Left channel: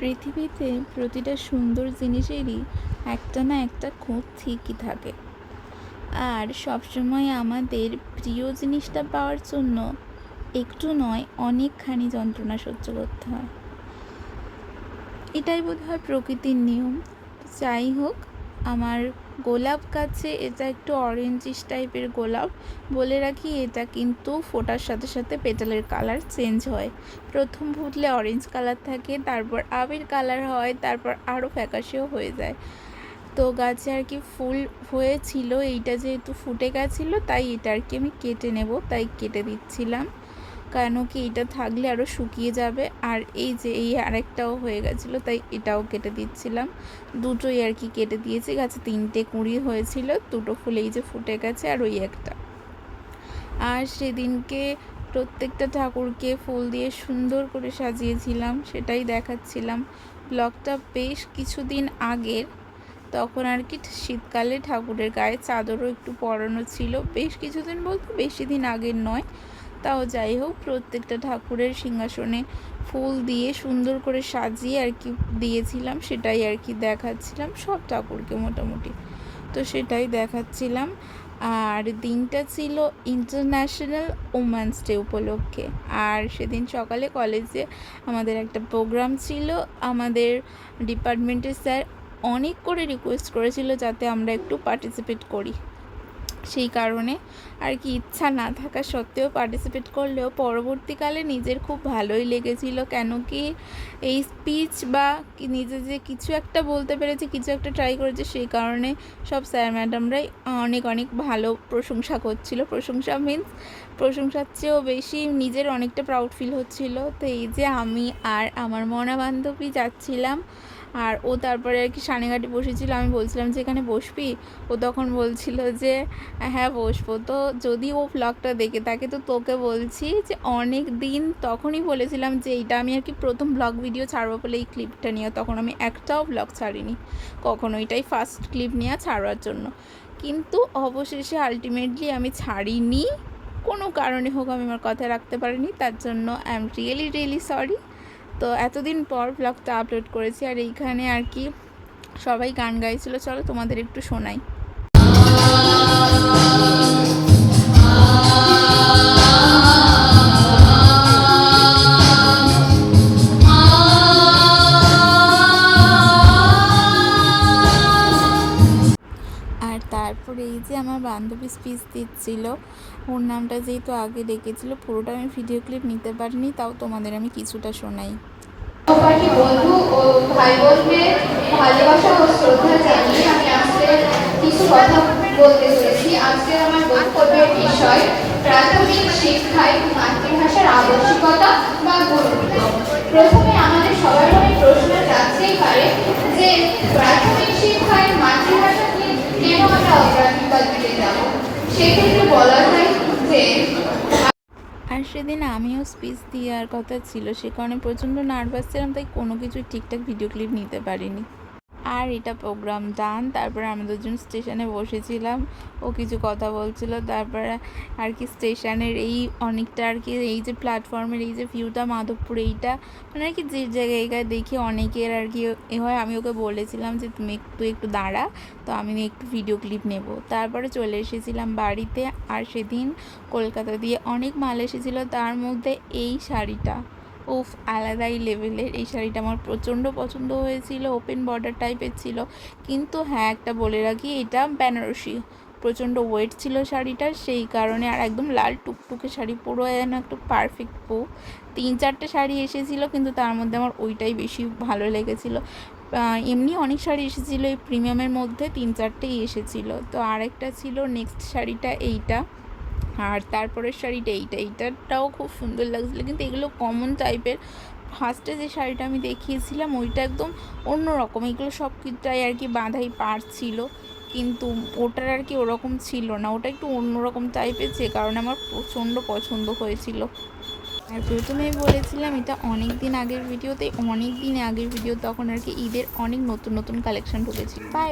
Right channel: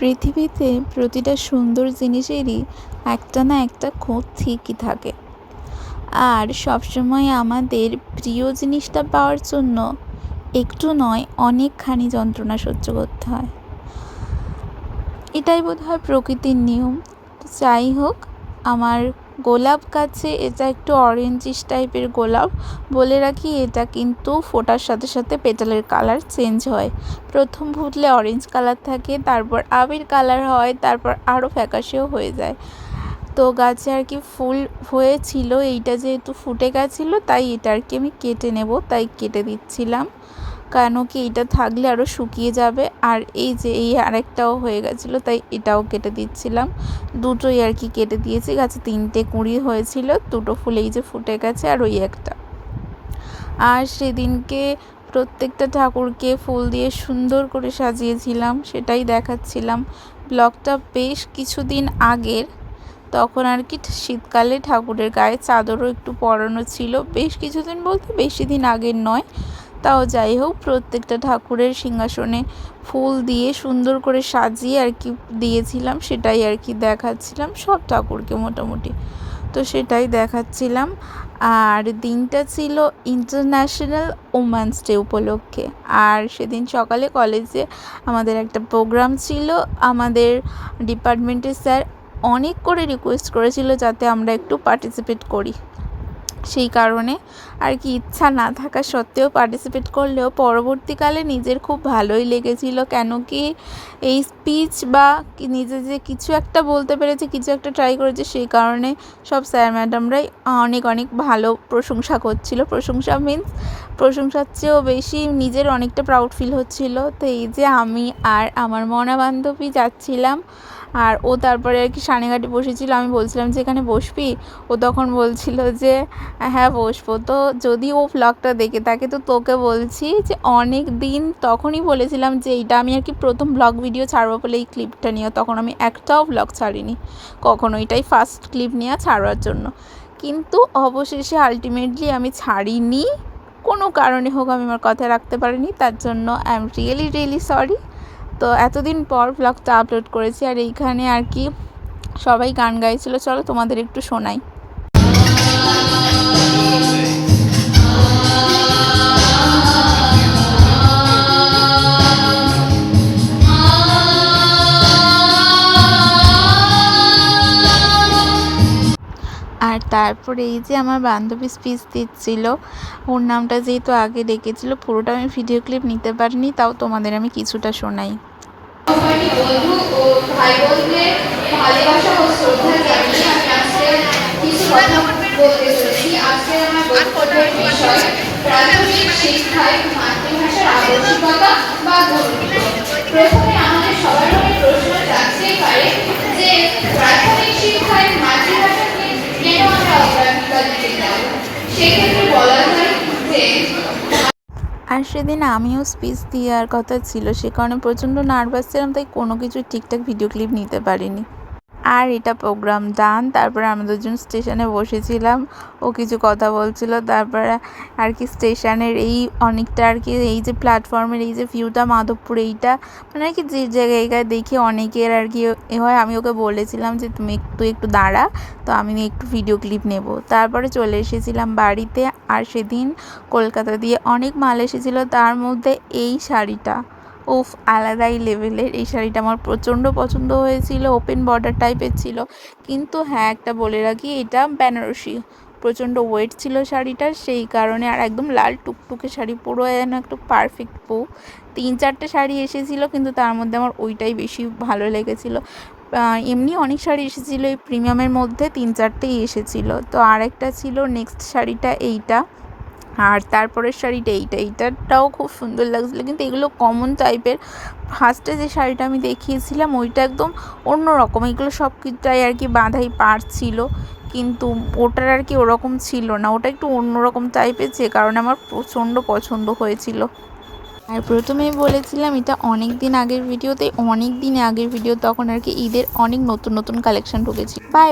পৃথিবীতে প্রতিটা সুন্দর জিনিসেরই একটা না একটা খুঁত ঠিকই থাকে। আর সবসময় আমাদের প্রিয় জিনিসটা পাওয়ার জন্য একটু নয় অনেকখানি যন্ত্রণা সহ্য করতে হয়। এটাই বোধহয় প্রকৃতির নিয়ম। যাই হোক, আমার গোলাপ গাছে এটা একটু অরেঞ্জিশ টাইপের গোলাপ। বলে রাখি, এটা কিন্তু ফোটার সাথে সাথে পেটালের কালার চেঞ্জ হয়। প্রথম ফুটলে অরেঞ্জ কালার থাকে, তারপর আবির কালার হয়, তারপর আরও ফ্যাকাশেও হয়ে যায়। তো গাছে আর কি ফুল হয়েছিল, এইটা যেহেতু ফুটে গেছিলো তাই এটা আর কি আমি কেটে নেব, তাই কেটে দিচ্ছিলাম। কেন কি এটা থাকলে আরও শুকিয়ে যাবে। আর এই যে এই আরেকটাও হয়ে গেছিলো, তাই এটাও কেটে দিচ্ছিলাম। দুটোই আর কি কেটে দিয়েছি। গাছে 3টে কুঁড়ি হয়েছিল, 2টো ফুল এই যে ফুটে গেছে, আর ওই একটা। আর সেদিনকে প্রত্যেকটা ঠাকুরকে ফুল দিয়ে সুন্দর করে সাজিয়েছিলাম, সেটাই দেখাচ্ছিলাম। ব্লগটা বেশ কিছুদিন আগের, তখন আর কি শীতকালে ঠাকুরের গায়ে চাদরও একটু পরানো ছিল। বেশ কিছুদিন বলতে বেশি দিন আগের নয়, তাও যাই হোক, প্রত্যেকটা ঠাকুরের সিংহাসনে ফুল দিয়ে সুন্দর করে সাজিয়ে আর কি দিয়েছিলাম, সেটাই আর কি দেখাচ্ছিলাম সব ঠাকুরকে মোটামুটি। তো সেটাই দেখাচ্ছিলাম। আর দিনটা ছিল ইন্টারন্যাশনাল ওমেন্স ডে উপলক্ষে। আর সেদিন সকালে কলেজে আমাদের একটা প্রোগ্রাম ছিল। আমাদের ডিপার্টমেন্টের স্যার অনেক করে রিকোয়েস্ট করেছিল যাতে আমরা একটু পার্টিসিপেট করি। সেই কারণে আর কি ইচ্ছা না থাকা সত্ত্বেও পার্টিসিপেট করলেও পরবর্তীকালে নিজের খুব ভালোই লেগেছিল। কেন কি এই স্পিচ বা নিজে যে কিছু একটা বলতে পেরেছে, কিছু একটা ট্রাই করেছে, সেই কারণে সব স্যার ম্যাডামরাই অনেক অনেক ভালো প্রশংসা করছিল। প্রশংসা মিন্স প্রশংসার চেয়েও বেশি নিজের অনেকটা প্রাউড ফিল হচ্ছিল। তো এই যে আমি আর আমার মনা বান্ধবী যাচ্ছিলাম, আর ও তারপরে আর কি সানেঘাটে বসেছিল। আমি বলছিলাম যে এখানে বসবি, ও তখন বলছিল যে হ্যাঁ বসবো। তো যদি ও ব্লগটা দেখে থাকে তো তোকে বলছি যে অনেক দিন তখনই বলেছিলাম যে এইটা আমি আর কি প্রথম ব্লগ ভিডিও ছাড়বো বলে এই ক্লিপটা নিয়ে। তখন আমি একটাও ব্লগ ছাড়িনি কখনো, এটাই ফার্স্ট ক্লিপ নিয়ে ছাড়ার জন্য। কিন্তু অবশেষে আলটিমেটলি আমি ছাড়িনি, কোনো কারণে হোক আমি আমার কথা রাখতে পারিনি, তার জন্য আই এম রিয়েলি সরি। তো এতদিন পর ব্লগটা আপলোড করেছি। আর এইখানে আর কি সবাই গান গাইছিল, চলো তোমাদের একটু শোনাই। আর তারপরে এই যে আমার বান্ধবী স্পিচ দিচ্ছিল, ওর নামটা যেহেতু আগে ডেকেছিল, পুরোটা আমি ভিডিও ক্লিপ নিতে পারিনি, তাও তোমাদের আমি কিছুটা শোনাই। বন্ধু ও ভাই বোনদের ভালোবাসা ও শ্রদ্ধা জানিয়ে আমি আজকে কিছু কথা বলতে চলেছি। আজকে আমার বক্তব্যের বিষয় প্রাথমিক শিক্ষায় মাতৃভাষার আবশ্যকতা বা গুরুত্ব। প্রথমে আমাদের সবার মনে প্রশ্ন জাগতেই পারে যে প্রাথমিক শিক্ষায় মাতৃভাষাকে কেন আমরা অগ্রাধিকার দিতে যাব। সেক্ষেত্রে বলা যায় যে আর সেদিন আমিও স্পিচ দেওয়ার কথা ছিল, সে কারণে প্রচণ্ড নার্ভাস ছিলাম, তাই কোনো কিছু ঠিকঠাক ভিডিও ক্লিপ নিতে পারিনি। আর এটা প্রোগ্রাম ডান, তারপরে আমরা দুজন স্টেশনে বসেছিলাম, ও কিছু কথা বলছিল। তারপরে আর কি স্টেশনের এই অনেকটা আর কি এই যে প্ল্যাটফর্মের এই যে ভিউটা মাধবপুর, এইটা মানে আর কি যে জায়গায় দেখি অনেকের আর কি এ হয়। আমি ওকে বলেছিলাম যে তুমি একটু দাঁড়া, তো আমি একটু ভিডিও ক্লিপ নেব। তারপরে চলে এসেছিলাম বাড়িতে। আর সেদিন কলকাতা দিয়ে অনেক মাল এসেছিলো, তার মধ্যে এই শাড়িটা উফ, আলাদাই লেভেলের। এই শাড়িটা আমার প্রচণ্ড পছন্দ হয়েছিল, ওপেন বর্ডার টাইপের ছিল। কিন্তু হ্যাঁ, একটা বলে রাখি, এটা বেনারসি, প্রচণ্ড ওয়েট ছিল শাড়িটার, সেই কারণে। আর একদম লাল টুকটুকে শাড়ি, পুরো যেন একটা পারফেক্ট বউ। 3-4টে শাড়ি এসেছিলো, কিন্তু তার মধ্যে আমার ওইটাই বেশি ভালো লেগেছিলো। এমনি অনেক শাড়ি এসেছিলো, এই প্রিমিয়ামের মধ্যে 3-4টেই এসেছিলো। তো আরেকটা ছিল নেক্সট শাড়িটা এইটা, আর তারপরের শাড়িটা এইটাটাও খুব সুন্দর লাগছিলো। কিন্তু এগুলো কমন টাইপের। ফার্স্টে যে শাড়িটা আমি দেখিয়েছিলাম ওইটা একদম অন্য রকম, এগুলো সব কিছুটাই আর কি বাঁধাই পাড় ছিল, কিন্তু ওটার আর কি ওরকম ছিল না, ওটা একটু অন্যরকম টাইপের, যে কারণে আমার প্রচণ্ড পছন্দ হয়েছিল। আর প্রথমেই বলেছিলাম এটা অনেক দিন আগের ভিডিও, তখন আর কি ঈদের অনেক নতুন নতুন কালেকশন ঢুকেছিল। বাই।